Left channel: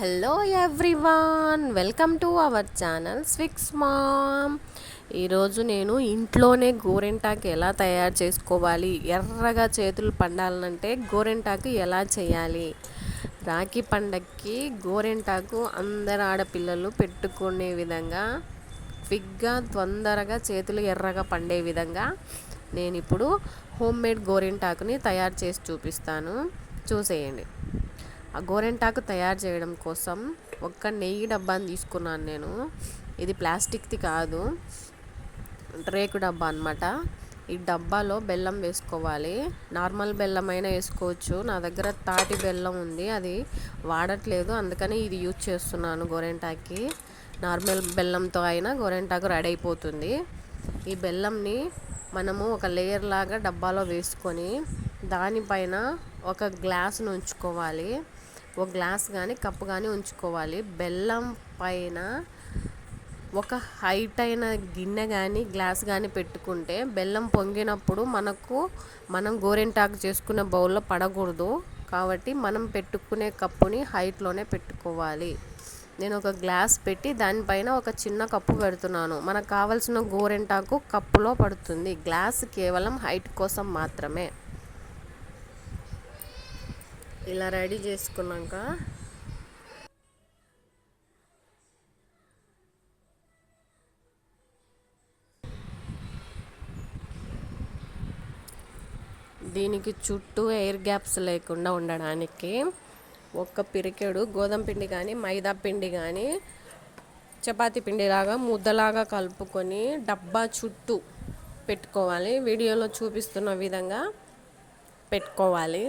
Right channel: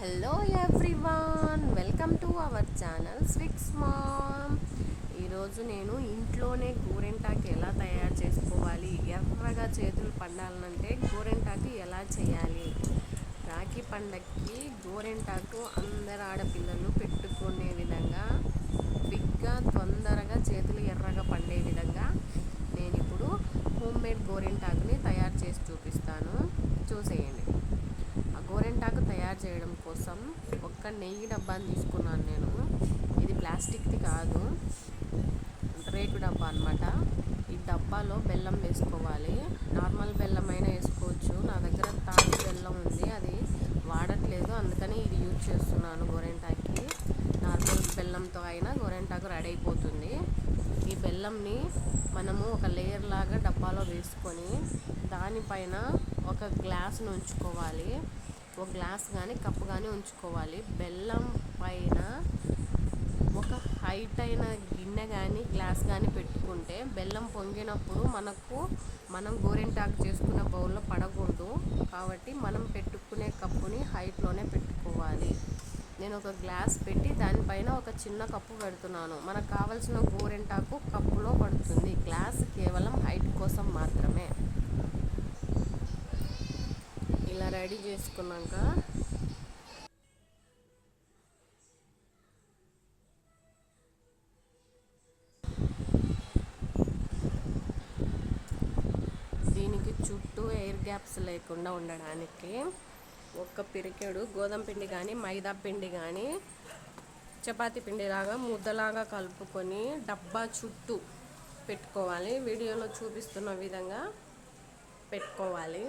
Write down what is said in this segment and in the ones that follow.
Hello everyone welcome to our channel Swix Mom. ఈరోజు నేను ఇంట్లోనే గోరెంటాకు ఎలా తయారు చేసుకోవాలి ఎర్రగా చేతులు పండాలంటే గోరెంటాకు ఎలా చేయాలి? రాఖీ పండక్కి గోరెంటాకు అందరు ఆడపిల్లలు పెట్టుకునే విధంగా క్విక్గా తొందరగా చేతులు ఎర్రగా పండే విధంగా నేను ఇప్పుడు హోమ్మేడ్ గోరింటాకుని గోరెంటాకుని తయారు చేసి చూపిస్తాను. చూసేయండి. గోరెంటాకు తయారు చేయడం కోసం ఒక్క నెయ్యి డబ్బాని తీసుకున్నాను నేను. ఇది ప్లాస్టిక్ది కాదు. రేకు డబ్బా అనమాట ఈ డబ్బాలో బెల్లం వేసుకోవాలి. నార్మల్ బెల్లం అయినా వేసుకోవచ్చు. నా దగ్గర తాటి బెల్లం ఉంది. అది వాడట్లేదు. అందుకని ఇది యూజ్ చేస్తున్నాను గోరెంటాకి. నార్మల్ బెల్లంతో అయినా గోరెంటాకు రెడీ అయిపోతుంది. ఈ బెల్లంని మనము ఒక లేయర్ లాగా డబ్బాలో వేసుకొని దానిపైన ఒక గ్లాస్ను ఉంచుకోవాలి. ఒక గ్లాస్ కానీ కప్పు కానీ ఉంచుకోవాలి. బెల్లం పైన ఒక హైట్ అయిన గిన్నె కానీ గ్లాస్ కానీ పెట్టుకుంటే బెల్లం పొంగినప్పుడు మనకు మనం గోరెంటాకు చేసుకునే బౌల్లో పడకూడదు. కాబట్టి మనం పెట్టుకునే కప్పుని హైట్లోనే పెట్టుకోవాలి. నేను ఒక గ్లాస్ పెట్టి దానిపైన ఒక చిన్న కప్పు పెడుతున్నాను. మనకు కావలసిన గోరెంటాకు కప్పులో పడుతుంది. గ్లాస్ కేవలం హైట్ కోసం మాత్రమే. ఇలా రెడీ చేసుకున్నాక దీనికి చుట్టూ ఎయిర్ గ్యాప్స్ లేకుండా ఉండడానికి ఒక్క పిరికెడు గోధుమ పిండి కానీ మైదా పిండి కానీ చపాతీ పిండిలాగా ముద్దలాగా కలుపుకొని డబ్బా చుట్టూ పెట్టుకోవాలి. వీడియోలో చూపిస్తున్న విధంగా పెట్టుకోవాలి.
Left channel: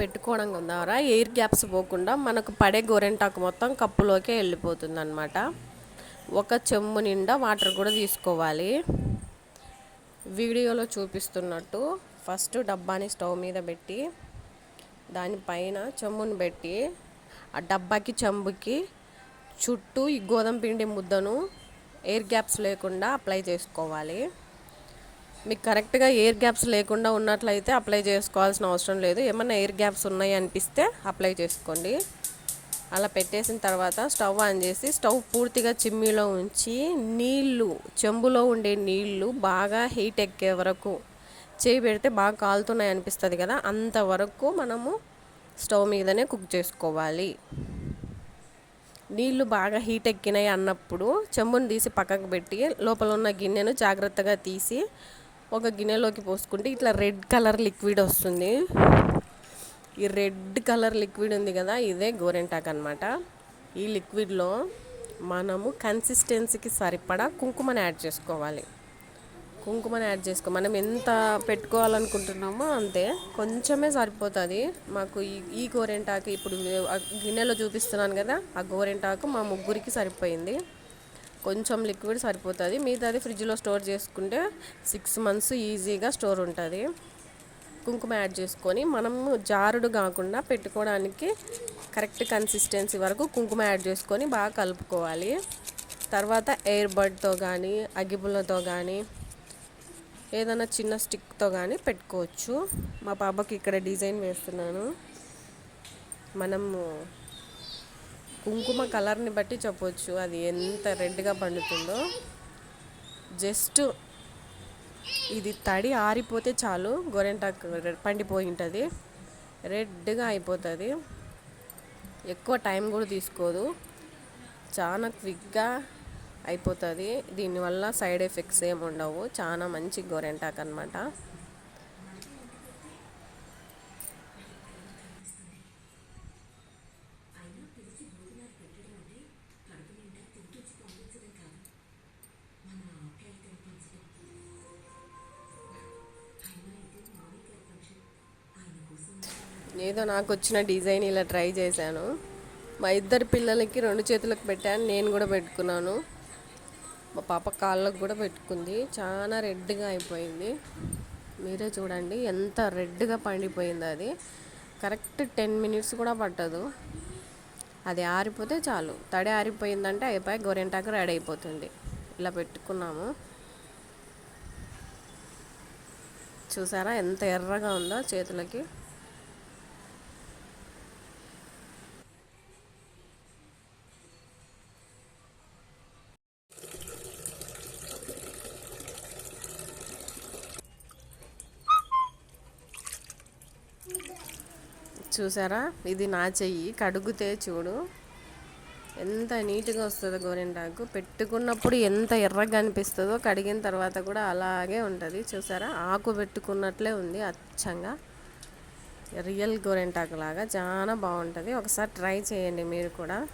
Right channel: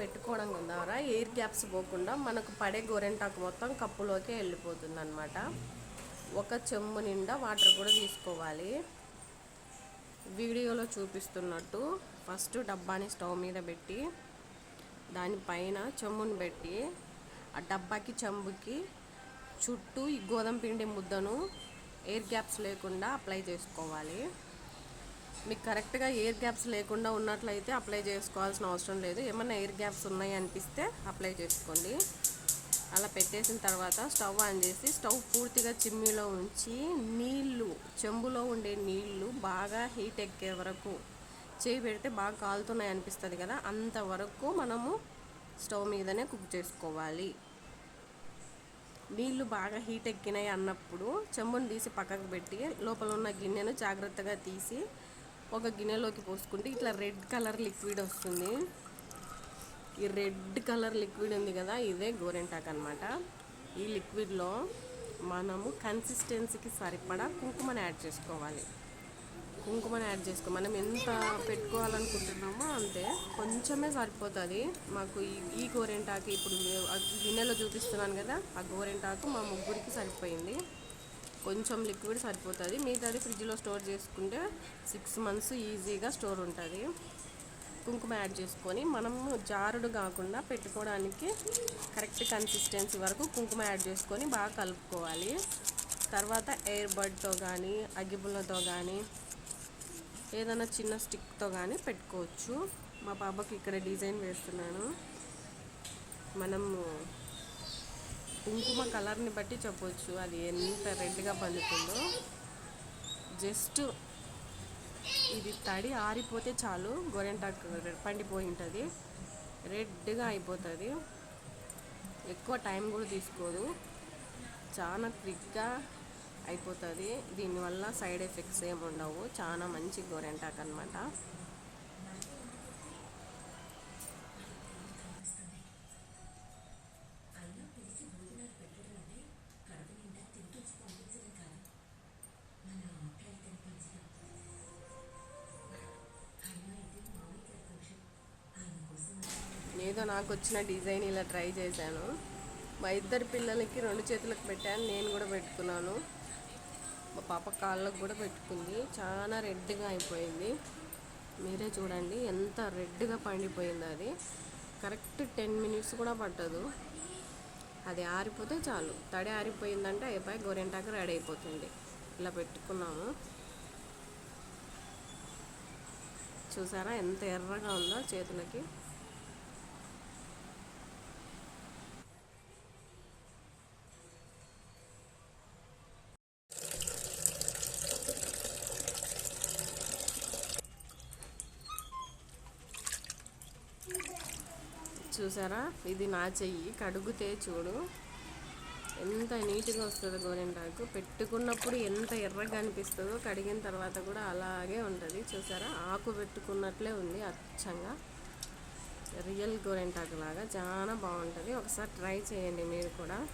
పెట్టుకోవడం ద్వారా ఎయిర్ గ్యాప్స్ పోకుండా మనకు పడే గోరెంటాకు మొత్తం కప్పులోకే వెళ్ళిపోతుంది అనమాట ఒక చెంబు నిండా వాటర్ కూడా తీసుకోవాలి. వీడియోలో చూపిస్తున్నట్టు ఫస్ట్ డబ్బాని స్టవ్ మీద పెట్టి దానిపైన చెంబుని పెట్టి ఆ డబ్బాకి చెంబుకి చుట్టూ ఈ గోధుమ పిండి ముద్దను ఎయిర్ గ్యాప్స్ లేకుండా అప్లై చేసుకోవాలి. మీకు కరెక్ట్గా ఎయిర్ గ్యాప్స్ లేకుండా ఉన్నట్లయితే అప్లై చేసుకోవాల్సిన అవసరం లేదు. ఏమన్నా ఎయిర్ గ్యాప్స్ ఉన్నాయి అనిపిస్తే అప్లై చేసుకోండి. అలా పెట్టేసిన తర్వాత స్టవ్ ఆన్ చేసి స్టవ్ పూర్తిగా చిమ్మీలో ఉంచి నీళ్ళు చెంబులో ఉండే నీళ్ళు బాగా హీట్ ఎక్కే వరకు చేయి పెడితే బాగా కాలుతున్నాయి అనిపిస్తుంది కదా అంతవరకు మనము స్టవ్ మీదనే కుక్ చేసుకోవాలి. నీళ్ళు బాగా హీట్ ఎక్కినాయి అన్నప్పుడు చెంబుని తీసి పక్కకు పెట్టి లోపల ఉన్న గిన్నెను జాగ్రత్తగా తీసి ఒక గిన్నెలోకి పోసుకుంటే ఇట్లా రెడ్ కలర్ లిక్విడ్ వస్తుంది. ఈ రెడ్ కలర్ లిక్విడ్ ఉంది కదా ఇదే గోరెంటాక్ అనమాట ఈ లిక్విడ్లో మనము కన్సిస్టెన్సీకి సరిపడా కుంకుమని యాడ్ చేసుకోవాలి. కుంకుమని యాడ్ చేసుకో మనం ఎంత పెట్టుకోవాలనుకుంటున్నామో అంతే. కొంచెమే సరిపోతుంది. మాకు ఈ ఈ గోరెంటాకు ఇప్పుడు గిన్నెలో చూపిస్తున్నాను కదా ఆ గోరెంటాకు మా ముగ్గురికి సరిపోయింది. కొంచెం లిక్విడ్ సరిపోతుంది. మిగతాది ఫ్రిడ్జ్లో స్టోర్ చేసుకుంటే సిక్స్ మంత్స్ ఈజీగా స్టోర్ ఉంటుంది. కుంకుమ యాడ్ చేసుకొని మనము జారుడు కాకుండా పెట్టుకోవడానికి కరెక్ట్ కన్సిస్టెన్సీ వరకు కుంకుమ యాడ్ చేసుకొని బాగా కలుపుకోవాలి. తర్వాత ఎయిర్ బడ్తో కానీ అగిబులతో కానీ ఏదైనా చిన్న స్టిక్తో కానీ పెట్టుకోవచ్చు. మా పాపకి ఇక్కడ డిజైన్ వేస్తున్నాను. మనము కుంకుమ కలర్ని బట్టి చెప్పవచ్చు అది ఎంత రెడ్గా పండుతుందో. జస్ట్ ఇది తడి ఆరిపోతే చాలు గొరెంటాకు పండిపోయి ఉంటుంది రెడ్గా అయిపోతుంది. ఎక్కువ టైం కూడా తీసుకోదు. చాలా క్విక్గా అయిపోతుంది. దీనివల్ల సైడ్ ఎఫెక్ట్స్ ఏమి ఉండవు. చాలా మంచి గోరెంటాక్ అనమాట ఏదో నాకు వచ్చిన డిజైన్ ఇలా ట్రై చేశాను. మా ఇద్దరు పిల్లలకి రెండు చేతులకు పెట్టాను నేను కూడా పెట్టుకున్నాను. మా పాప కాళ్ళకు కూడా పెట్టుకుంది. చాలా రెడ్గా అయిపోయింది. మీరే చూడండి ఎంత రెడ్గా పండిపోయింది అది. కరెక్ట్ టెన్ మినిట్స్ కూడా పట్టదు. అది ఆరిపోతే చాలు. తడి ఆరిపోయిందంటే అయిపోయి గోరెంటాకు రెడీ అయిపోతుంది. ఇలా పెట్టుకున్నాము. చూసారా ఎంత ఎర్రగా ఉందో చేతులకి. చూసారా? ఇది నా చెయ్యి. కడుగుతే చూడు. ఎంత నీట్గా వస్తుందో గోరింటాకు. పెట్టుకున్నప్పుడు ఎంత ఎర్రగా అనిపిస్తుందో కడిగిన తర్వాత కూడా అలాగే ఉంటుంది. చూసారా? ఆకు పెట్టుకున్నట్లే ఉంది అచ్చంగా. రియల్ గోరింటాకు లాగా చాలా బాగుంటుంది. ఒకసారి ట్రై చేయండి మీరు కూడా.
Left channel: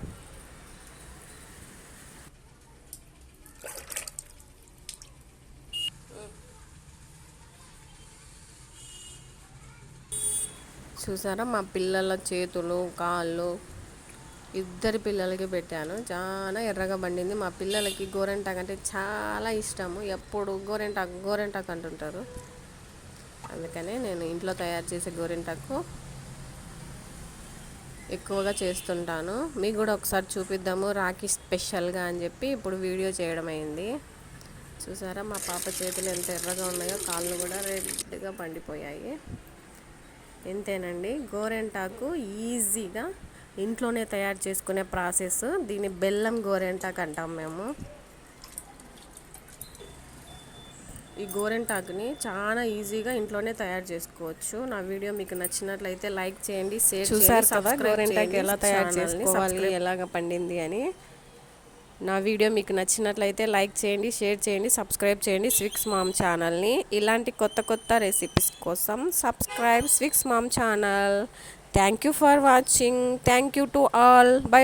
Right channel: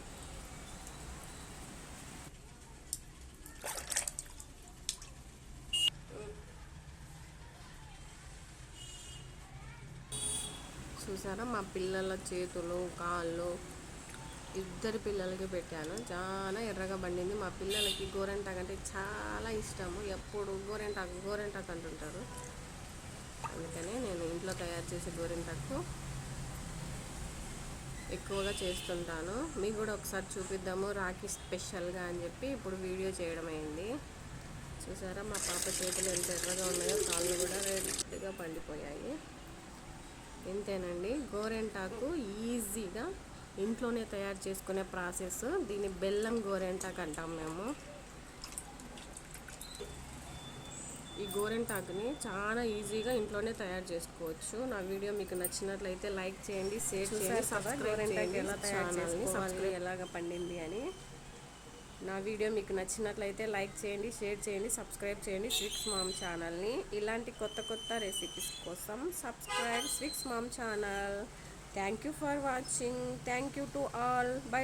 చూసారా? మా పిల్లల చేతులు కాళ్ళు ఇద్దరి పిల్లలకి పెట్టాను. చాలా ఎర్రగా పండింది. మా పిల్లలకి గోరెంటాకు అంటే చాలా ఇష్టము. ఎప్పుడు గోరెంటాకు గోరెంటాకు అంటుంటారు. అందుకనే నేను ఇంట్లో తయారు చేసే గోరెంటాకు ఎక్కువగా చేస్తుంటాను. మీకు కూడా ఒకసారి చూపిద్దాము. రాఖీ స్పెషల్గా అని చెప్పి ఇప్పుడు వీడియో చేయడం అయింది. చూసారా? మా పాప చేతులు ఎంత ఎర్రగా ఉన్నాయో కాళ్ళు కూడా రెడ్గా పండిపోయాయి. ఇంతేనండి. గోరెంటాకు ఈజీగా ఇంట్లోనే తయారు చేసుకునే ప్రాసెస్. దీన్ని బెల్లం గోరెంటాకు అంటాం మేము. ఈ గోరెంటాకుని చాలా ఈజీగా ఇంట్లోనే తయారు చేసుకోవచ్చు. నా వీడియో మీకు నచ్చినట్లయితే లైక్ చేయండి షేర్ చూసారు కదా గోరింటాకు ఎలా తయారు చేసుకోవాలి, ఎలాగ పండింది అని. నా వీడియో మీకు నచ్చినట్లయితే లైక్ చేయండి షేర్ చేయండి సబ్స్క్రైబ్ చేయండి స్విక్స్ మామ్ ఛానల్ని. ఇలాంటి కొత్త కొత్త రెసిపీస్ కోసం subscribe Swix Mom channel. Thank you for watching thank you to all bye